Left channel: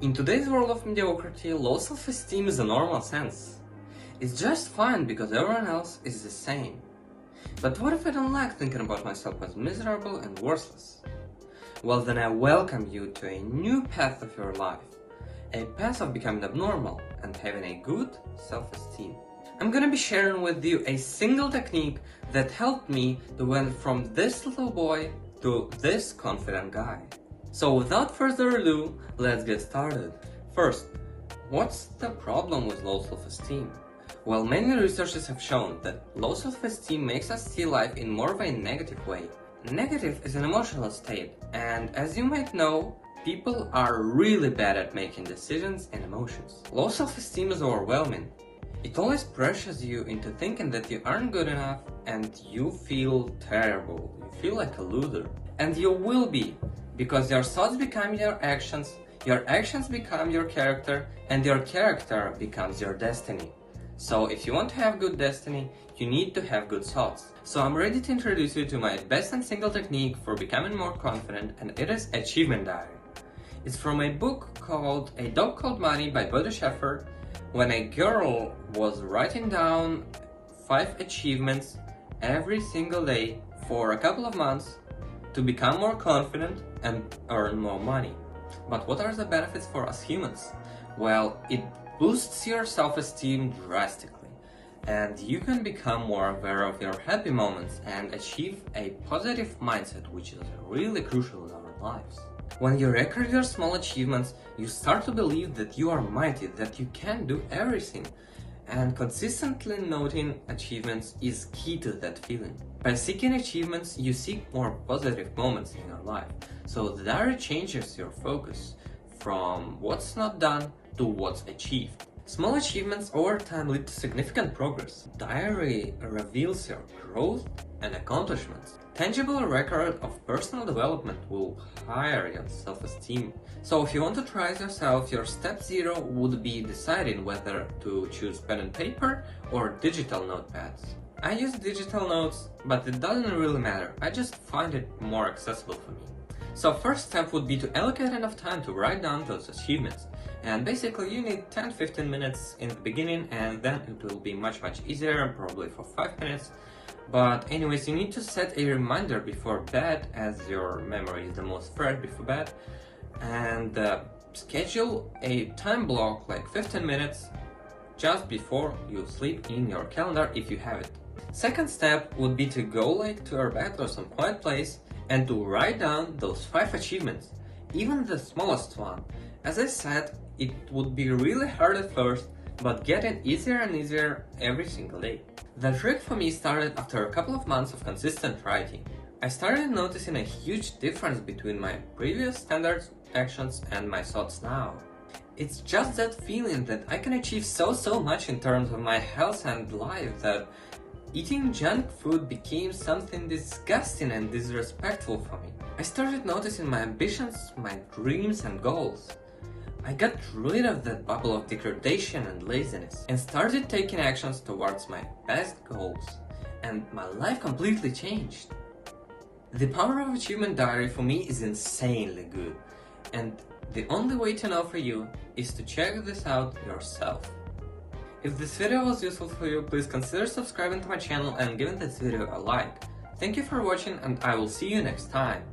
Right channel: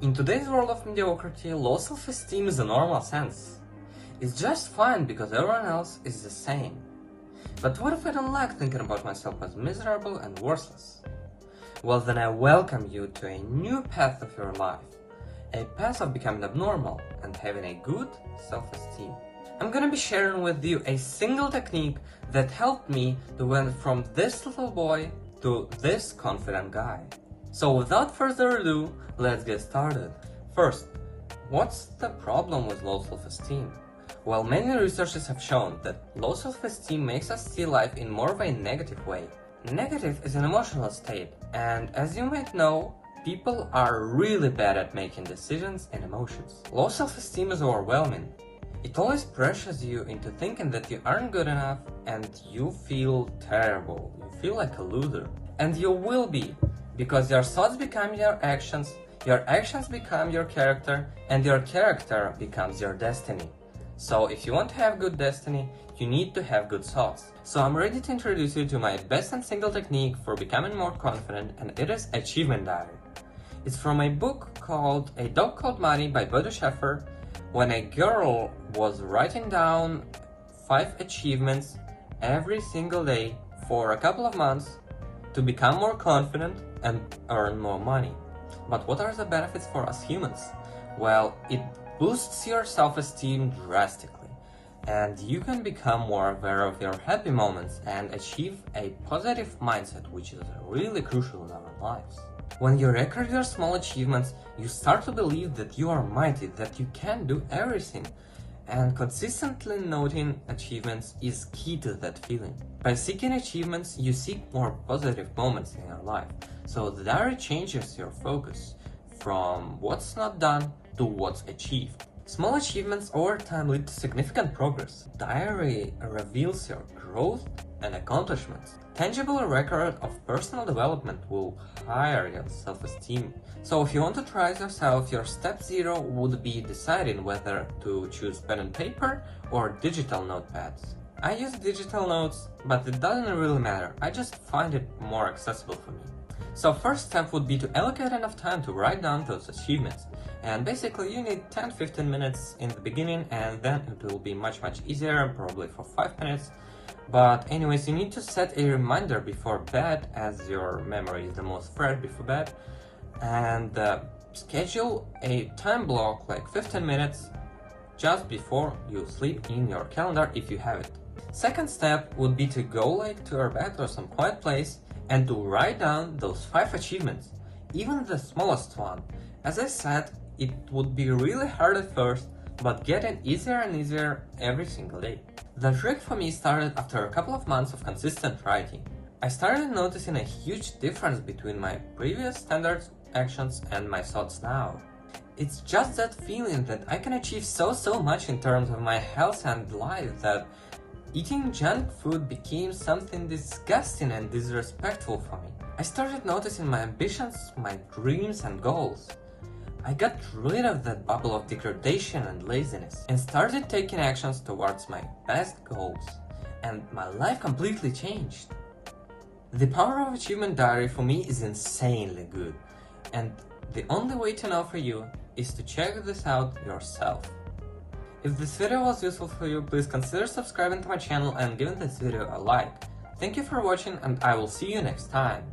In today's world of mediocrity, low self-esteem is a normal sense. It's just fine because everyone else is the same. But what if I don't like thinking about myself as miserable and worthless? Well, then I welcome you to a new path of your life. A path of becoming abnormal and having a good self-esteem. I'm gonna be sharing with you a single technique that helped me to went from this little boy to this confident guy. So without further ado, let's get started. First, what's the problem with low self-esteem? Well, many researchers have shown that low self-esteem makes us see life in more of a negative way. Negative is an emotional state, and as you might know, people are really bad at making decisions and emotions. Low self-esteem is overwhelming. It always pressures you into thinking that you aren't good enough and you feel terrible. You feel like a loser. And you will be, because your thoughts become your actions become your character, and your character becomes your destiny. So if you want to have good destiny, you need to have good thoughts. So I'm ready to introduce you to my best and single technique for becoming more confident, and it is Achievement Diary. It's from a book called A Dog Called Money by Bodo Schäfer, when a girl was writing down 5 achievements every single day for a couple of months to become more confident and earn more money. But what are the benefits for us humans? Well, it boosts your self-esteem drastically, and you can become more aware of your happy moments and achieve a positive mindset, which is really crucial in our lives. When you record your small achievements, you start to believe that you are mighty, that you can do everything. And consistently noting achievements is key to that feeling. By seeking achievements, you seek more positive moments in your life. So the diary changes your focus from what's not done to what's achieved. Small achievements over time lead to significant progress. Diary reveals your growth and accomplishments. Tangible record of personal development will higher your self-esteem. So if you want to try it yourself, your step 0 would be deciding whether to choose pen and paper or digital notepads. I use digital notes, but it doesn't really matter. I just find it more accessible for me. So first step would be to allocate enough time to write down those achievements. And basically you need 10-15 minutes in the beginning, and then it will be much easier, probably for 5 minutes. But anyways, you need to set a reminder before bed, as your memory is the most fresh before bed, and schedule a time block like 15 minutes just before you sleep in your calendar if you have it. Second step would be to go like to your bed or some quiet place and to write down those 5 achievements, even the smallest one. As I said, it would be really hard at first, but getting easier and easier every single day. The trick for me started after a couple of months of consistent writing. I started noticing a huge difference between my previous standard actions and my thoughts now. It's just that feeling that I can achieve so much in terms of my health and life that eating junk food became something disgusting and disrespectful for me. I started noticing my ambitions, my dreams and goals. I got rid of that bubble of degradation and laziness and started taking actions towards my best goals, and my life completely changed. The power of Achievement Diary for me is insanely good, and the only way to know for you is to check this out yourself. If this video was useful for you, please consider subscribing to my channel and giving this video a like. Thank you for watching, and I will see you next time.